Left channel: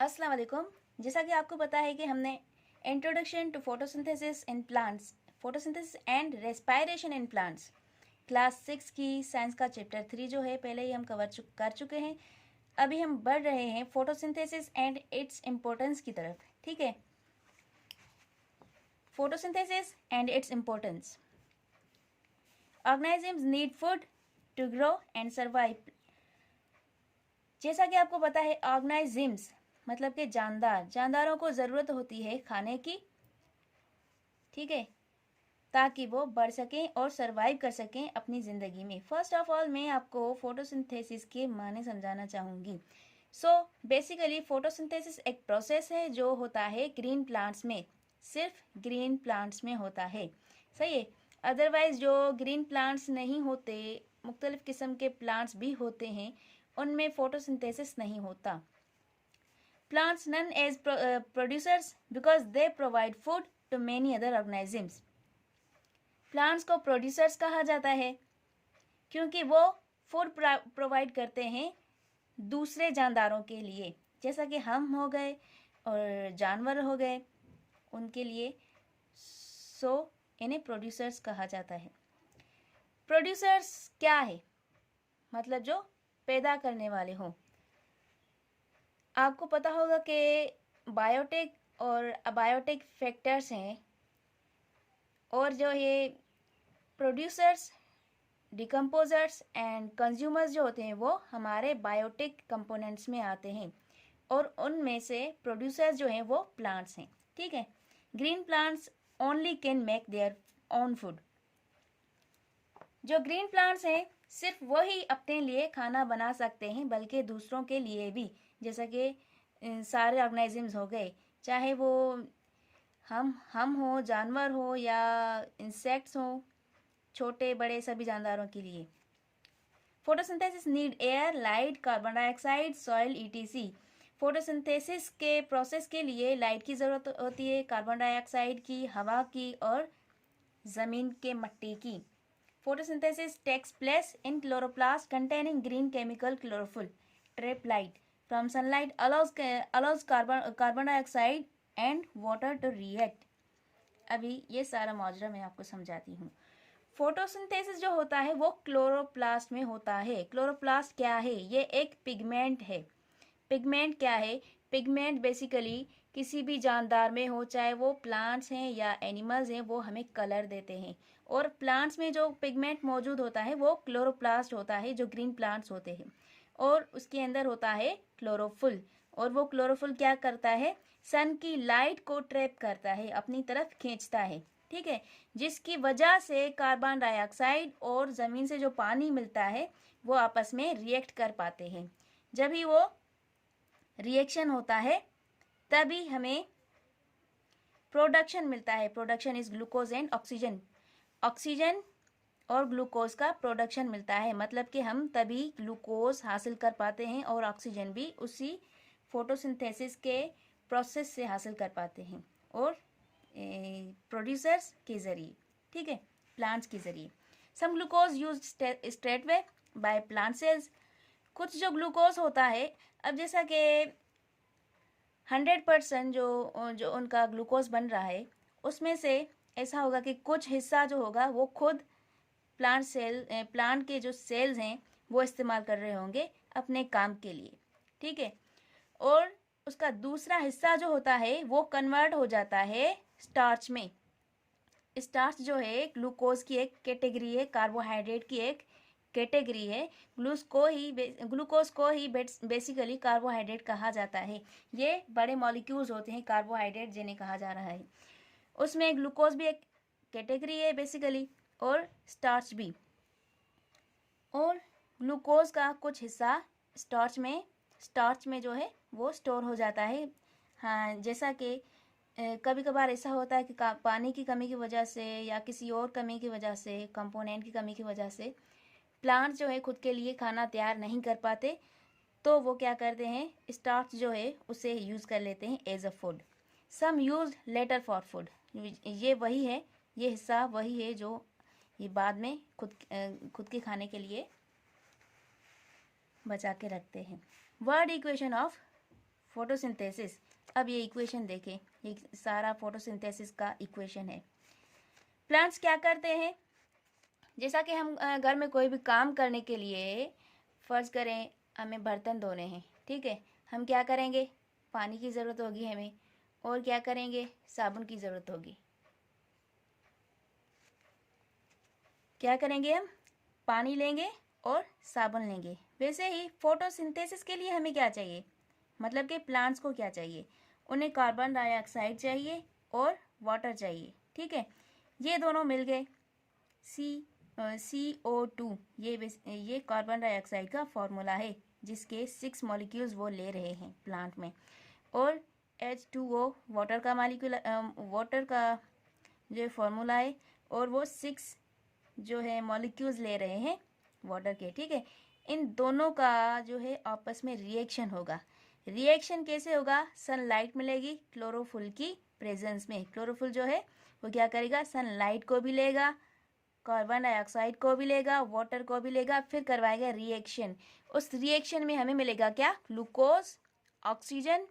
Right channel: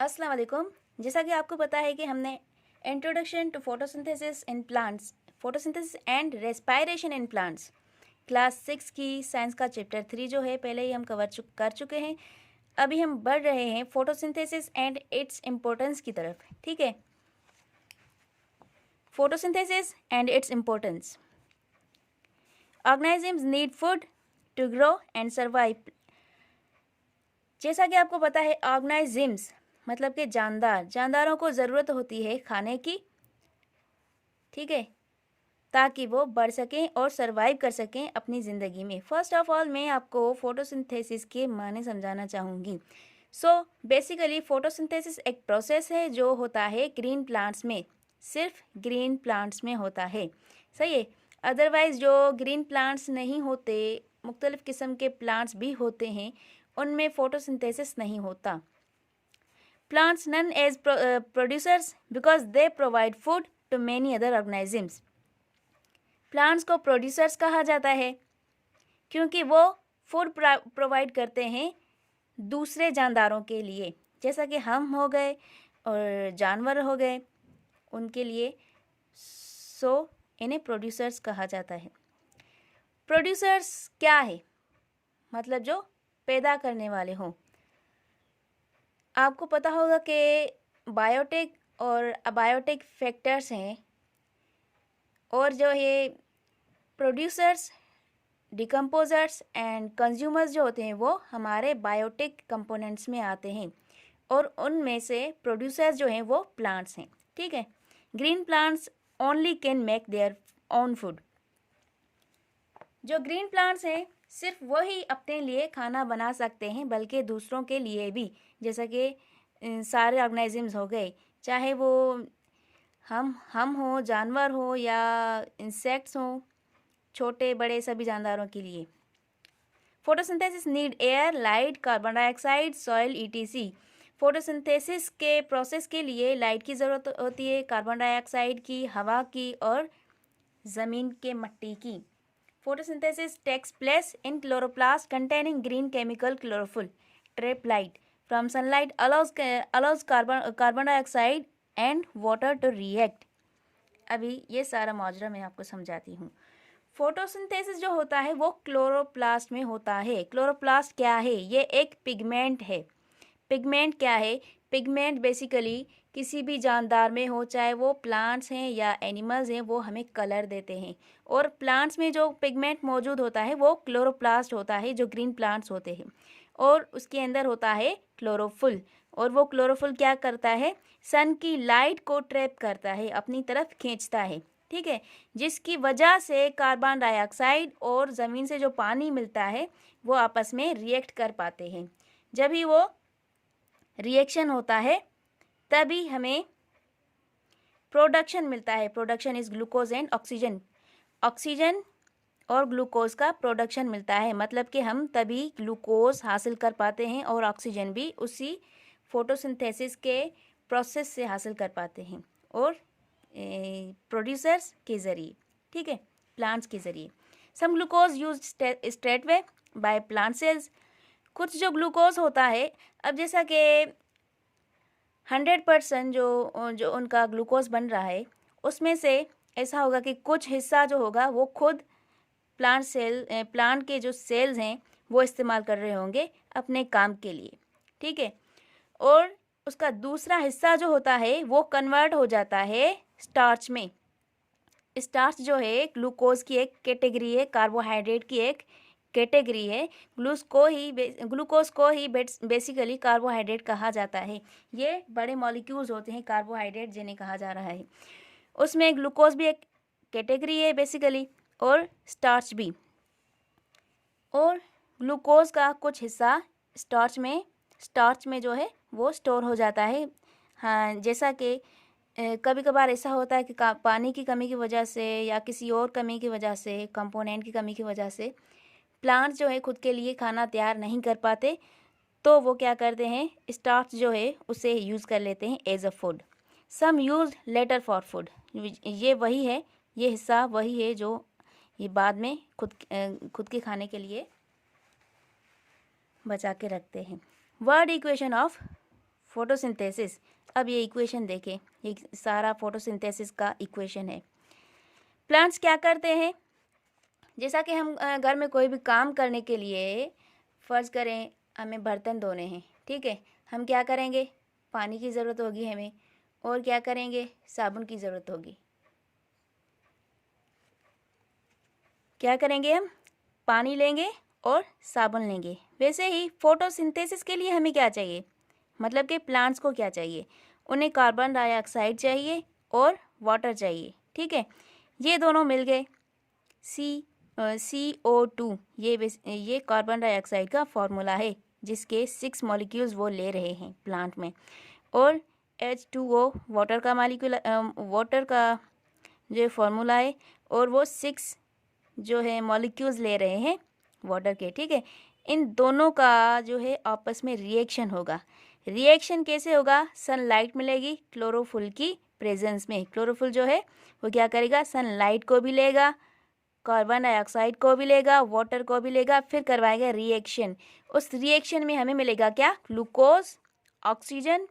अस्सलाम वालेकुम। जैसा कि आपको पता है कि हमने introduction to photosynthesis in plants, photosynthesis and respiration in plants, class 6 की साइंस का चैप्टर 3 जो है पहले ही हम कर चुके हैं। अभी हम बढ़ रहे हैं फोटोसिंथेसिस एंड इट्स इम्पोर्टेंस की तरफ। ठीक है, photosynthesis and its importance. Organisms need food to grow and survive. जैसा कि आपको पता है, ऑर्गेनिजम्स मतलब कि जानदारों को ज़रूरत होती है खाने की, ठीक है, ताकि वो बढ़ सकें और सरवाइव कर सकें अपनी ज़िंदगी में। फर्स्ट ऑफ ऑल मैं आपको फोटोसिंथेसिस के माने समझाना चाहूँगी। सो बेसिकली फोटोसिंथेसिस एक प्रोसेस है जो होता है ग्रीन प्लांट्स में, सिर्फ ग्रीन प्लांट्स में होता है। सही है। अदरवाइज जो ग्रीन प्लांट्स नहीं होते, मुख्तलिफ़ किस्म के प्लांट्स भी होते हैं, उनमें फोटोसिंथेसिस नहीं होता। Plants known as producers because they provide food to many other organisms. Plants को प्रोड्यूसर्स कहा जाता है क्योंकि वो फूड प्रोवाइड करते हैं दूसरे जानदारों के लिए, जैसा कि हम हो गए और जानवर हो गए, उनके लिए। सो इन्हें प्रोड्यूसर्स कहा जाता है। प्रोड्यूसर्स क्या है? मतलब जो पैदा करने वाले हों। आपको पता होगा कि बायोटिक और अबायोटिक फैक्टर्स हैं, और जो ये प्रोड्यूसर्स, डिकम्पोजर्स एंड कंज्यूमर्स जो होते हैं वो हमारे बायोटिक कंपोनेंट्स में आते हैं, और उनमें से प्रोड्यूसर्स जो हैं वो प्लांट्स हैं। ठीक है। Green plants only can make their own food. जो ग्रीन प्लांट्स हैं सिर्फ वही अपने लिए खाना बना सकते हैं, बल्कि दूसरों के लिए भी, जैसा कि सारे ऑर्गेनिजम्स हो गए, चाहे वो हम हो, जानवर हो या इंसेक्ट्स हो, छोटे बड़े सभी जानदारों के लिए। Photosynthesis need air, light, carbon dioxide, soil etc. Photosynthesis के प्रोसेस के लिए लाइट की ज़रूरत होती है, कार्बन डाइऑक्साइड की, हवा की और ज़मीन के मट्टी की। Photosynthesis takes place in chloroplast containing green chemical chlorophyll. Trap light from sunlight allows carbon dioxide and water to react. अभी ये सारा माजरा मैं आपको समझाती हूँ। फोटोसिंथेसिस जो होता है वो क्लोरोप्लास्ट में होता है। क्लोरोप्लास्ट क्या है? ये एक पिगमेंट है। पिगमेंट क्या है? पिगमेंट बेसिकली किसी भी जानदार में हो, चाहे वो प्लांट्स हैं या एनिमल्स हैं, वो हमें कलर देते हैं। और प्लांट्स में जो पिगमेंट मौजूद होता है वो क्लोरोप्लास्ट होता है, जो ग्रीन प्लांट्स होते हैं, और उसके अंदर होता है क्लोरोफिल। और वो क्लोरोफिल क्या करता है? सन की लाइट को ट्रैप करता है, अपनी तरफ खींचता है। ठीक है। जिसकी वजह से कार्बन डाइऑक्साइड और ज़मीन से जो पानी मिलता है वो आपस में रिएक्ट कर पाते हैं। जब ही वो रिएक्शन होता है तभी हमें प्रोडक्शन मिलता है। Production is glucose and oxygen. Oxygen और ग्लूकोज का प्रोडक्शन मिलता है, मतलब कि हम तभी ग्लूकोज हासिल कर पाते हैं और ऑक्सीजन भी उसी फोटोसिंथेसिस के प्रोसेस से हासिल कर पाते हैं, और प्रोड्यूसर्स के ज़रिए। ठीक है, प्लांट्स के ज़रिए। Some glucose use straightway by plant cells. कुछ जो ग्लूकोज होता है, अब जैसा कि 100% जो उनका ग्लूकोज बन रहा है, उसमें से ऐसा होगा कि कुछ हिस्सा जो होगा वो खुद प्लांट के जो सेल्स हैं वो इस्तेमाल कर रहे होंगे अपने काम के लिए। ठीक है। और उसका दूसरा हिस्सा जो होता है वो कन्वर्ट हो जाता है स्टार्च में। स्टार्च जो है ग्लूकोज की एक कैटेगरी है, कार्बोहाइड्रेट की एक कैटेगरी है। ग्लूकोज को ही बेसिकली कार्बोहाइड्रेट कहा जाता है। ये बड़े मॉलिक्यूल्स होते हैं कार्बोहाइड्रेट जिन्हें कहा जा रहा है। उसमें ग्लूकोज भी एक कैटेगरी है बेसिकली, और स्टार्च भी। और ग्लूकोज का कुछ हिस्सा स्टार्च में जो है वो स्टोर हो जाता है। हाँ, जैसा कि कभी कभार ऐसा होता है कि पानी की कमी की वजह से या किसी और कमी की वजह से, कंपोनेंट की कमी की वजह से प्लांट्स जो है खुद के लिए खाना तैयार नहीं कर पाते, तो वो क्या करते हैं, स्टार्च जो है उसे यूज़ कर लेते हैं as a food. Some use later for food. ये वही है, ये हिस्सा वही है जो ये बाद में खुद के खाने के लिए बचा के रखते हैं। Word equation of photosynthesis. अब ये इक्वेशन देखें, ये सारा फोटोसिंथेसिस का इक्वेशन है। प्लांट्स क्या करते हैं, जैसा कि हम घर में कोई भी काम करने के लिए, फ़र्ज़ करें हमें बर्तन धोने हैं, ठीक है, हम क्या करेंगे, पानी की ज़रूरत होगी हमें, और क्या करेंगे, साबुन की ज़रूरत होगी। क्या करेंगे, हम पानी लेंगे और साबुन लेंगे। वैसे ही फोटोसिंथेसिस के लिए हमें क्या चाहिए, मतलब कि प्लांट्स को क्या चाहिए, उन्हें कार्बन डाइऑक्साइड चाहिए और वाटर चाहिए, ठीक है। ये दोनों मिल गए, CO2, ये कार्बन डाइऑक्साइड का फॉर्मूला है, जिसके 6 मॉलिक्यूल्स वो ले रहे हैं प्लांट में, और H2O वाटर का वाटर का जो फॉर्मूला है, और वो 6 जो है मॉलिक्यूल्स ले रहे हैं वाटर के, ठीक है। इन दोनों का जो है आपस में रिएक्शन होगा। रिएक्शन कैसे होगा, सनलाइट मिलेगी क्लोरोफिल की प्रेजेंस में। क्लोरोफिल जो है वो क्या करेगा, सनलाइट को भी लेगा, कार्बन डाइऑक्साइड को भी लेगा, वाटर को भी लेगा, फिर करवाएगा रिएक्शन। उस रिएक्शन में हमें मिलेगा क्या, ग्लूकोज, ऑक्सीजन,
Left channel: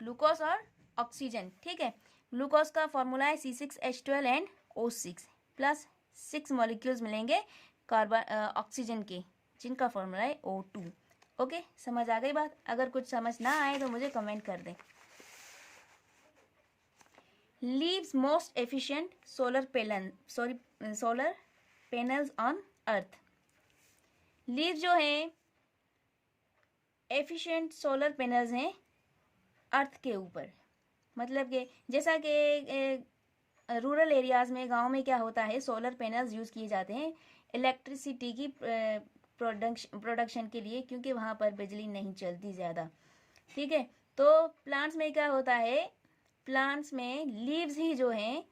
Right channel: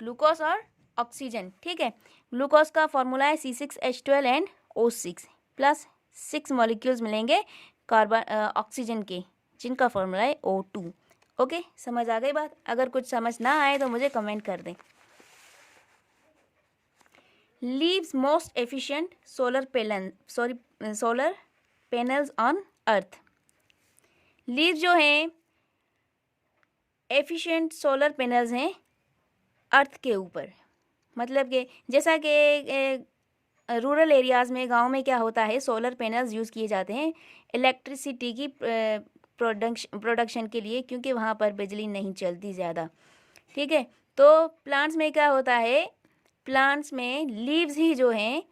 ग्लूकोज और ऑक्सीजन, ठीक है। ग्लूकोज का फॉर्मूला है C6H12 and O6 plus 6 molecules मिलेंगे कार्बन ऑक्सीजन के, जिनका फॉर्मूला है O2। ओके, समझ आ गई बात। अगर कुछ समझ ना आए तो मुझे कमेंट कर दें। Leaves most efficient solar panels on earth. Leaves जो हैं एफिशिएंट सोलर पैनल्स हैं अर्थ के ऊपर। मतलब कि जैसा कि रूरल एरियाज़ में, गांव में क्या होता है, सोलर पैनल्स यूज़ किए जाते हैं इलेक्ट्रिसिटी की प्रोडक्शन के लिए, क्योंकि वहाँ पर बिजली नहीं चलती ज़्यादा, ठीक है। तो प्लांट्स में क्या होता है, प्लांट्स में लीव्स ही जो हैं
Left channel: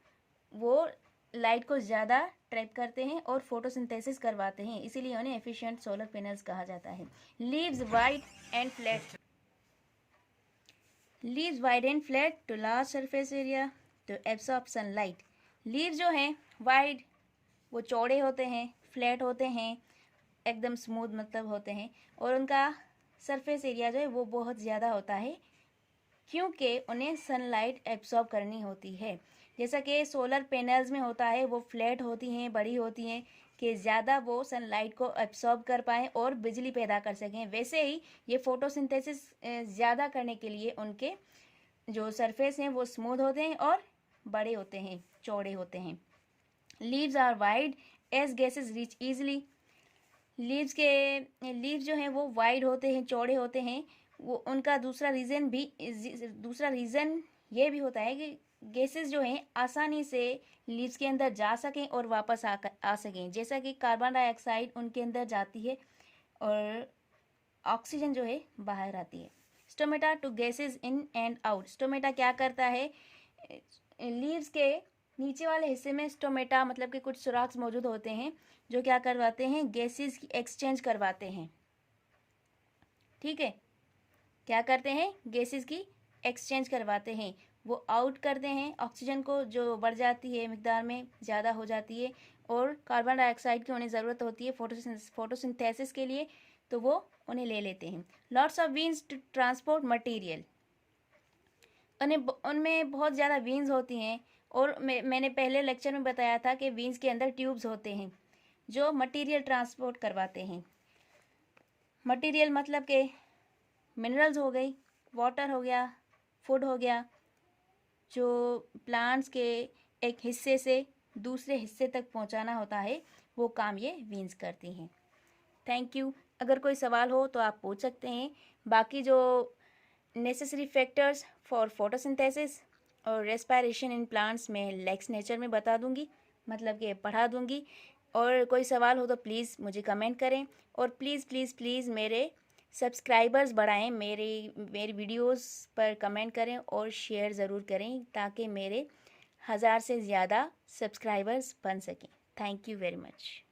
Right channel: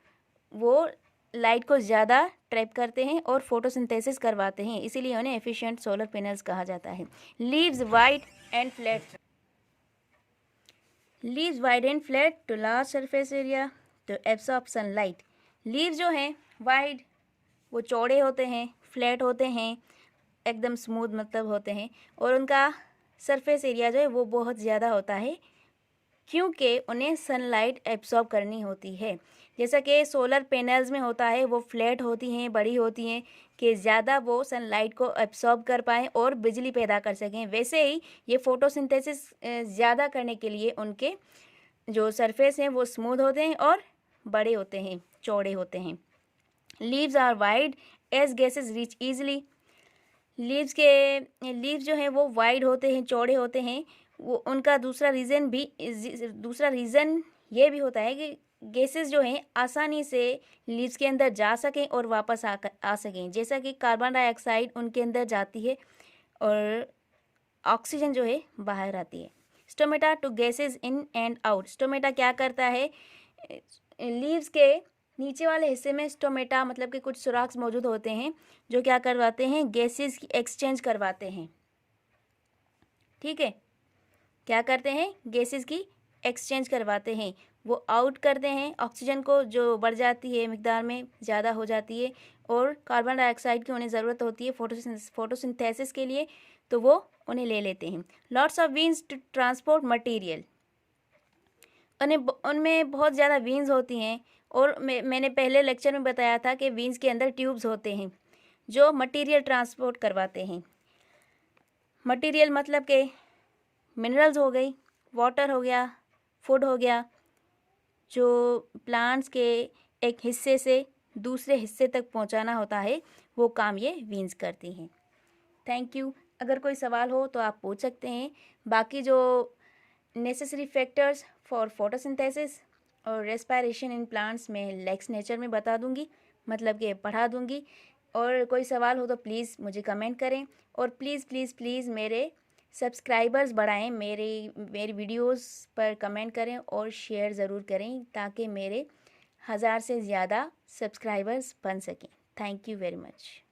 वो लाइट को ज़्यादा ट्रैप करते हैं और फोटोसिंथेसिस करवाते हैं, इसीलिए उन्हें एफिशिएंट सोलर पैनल्स कहा जाता है। Leaves wide and flat, leaves wide and flat to large surface area to absorb sunlight. Leaves जो हैं वाइड, वो चौड़े होते हैं, फ्लैट होते हैं, एकदम स्मूथ मतलब होते हैं, और उनका सरफेस एरिया जो है वो बहुत ज़्यादा होता है, क्योंकि उन्हें सनलाइट एब्सॉर्ब करनी होती है। जैसा कि सोलर पैनल्स में होता है, वो फ्लैट होती हैं, बड़ी होती हैं, कि ज़्यादा वो सनलाइट को एब्सॉर्ब कर पाएँ और बिजली पैदा कर सकें। वैसे ही ये फोटोसिंथेसिस ज़्यादा करने के लिए उनके जो सरफेस हैं वो स्मूथ होते हैं और बड़े होते हैं, चौड़े होते हैं। Leaves are wide as gases reach easily. Leaves जो हैं वो वाइड होते हैं, चौड़े होते हैं। वो उनका दूसरा रीज़न ये भी होता है कि गैसेस जो हैं आसानी से लीव्स के अंदर जा सकें और वापस आ सकें। जैसा कि कार्बन डाइऑक्साइड उनके अंदर जाती है और ऑक्सीजन जो है बाहर आती है। Stomata to gases in and out. Stomata क्या करता है, लीव्स के नीचे वाले हिस्से में स्टोमेटा मतलब कि कुछ सुराख मौजूद होते हैं, जो क्या करवाते हैं, गैसेस की एक्सचेंज करवाते हैं, ठीक है। क्या करते हैं, गैसेस की एक्सचेंज करवाते हैं, वो आउट करते हैं ऑक्सीजन को, जो बढ़ जाती है मिकदार में, ज़्यादा हो जाती है, और कार्बन डाइऑक्साइड की उन्हें ज़रूरत होती है फोटोसिंथेसिस के लिए, तो वो उन्हें ले लेते हैं। Lots of veins to transport material. उनमें बहुत ज़्यादा वीन्स होती हैं, और मैंने पहले लेक्चर में बताया था कि वीन्स के अंदर ट्यूब्स होते हैं जो मटेरियल ट्रांसपोर्ट करवाते हैं। मटेरियल मतलब के मिनरल्स हो गई, वाटर हो गया, फूड हो गया, जो प्लांट्स के एक हिस्से से दूसरे हिस्से तक पहुंचाना होता है, वो काम ये वीन्स करती हैं। Thank you. अगर कोई सवाल हो तो आप पूछ सकते हैं। बाकी जो नेसेसरी फैक्टर्स फॉर फोटोसिंथेसिस और रेस्पिरेशन इन प्लांट्स में लेक्स नेचर में बता दूंगी, मतलब कि पढ़ा दूंगी। और कोई सवाल हो तो प्लीज़ मुझे कमेंट करें, और प्लीज़ प्लीज़ प्लीज़ मेरे सब्सक्राइबर्स बढ़ाएं, मेरी वीडियोस पर कमेंट करें और शेयर ज़रूर करें, ताकि मेरे 1000 से ज़्यादा सब्सक्राइबर्स बन सकें। Thank you very much.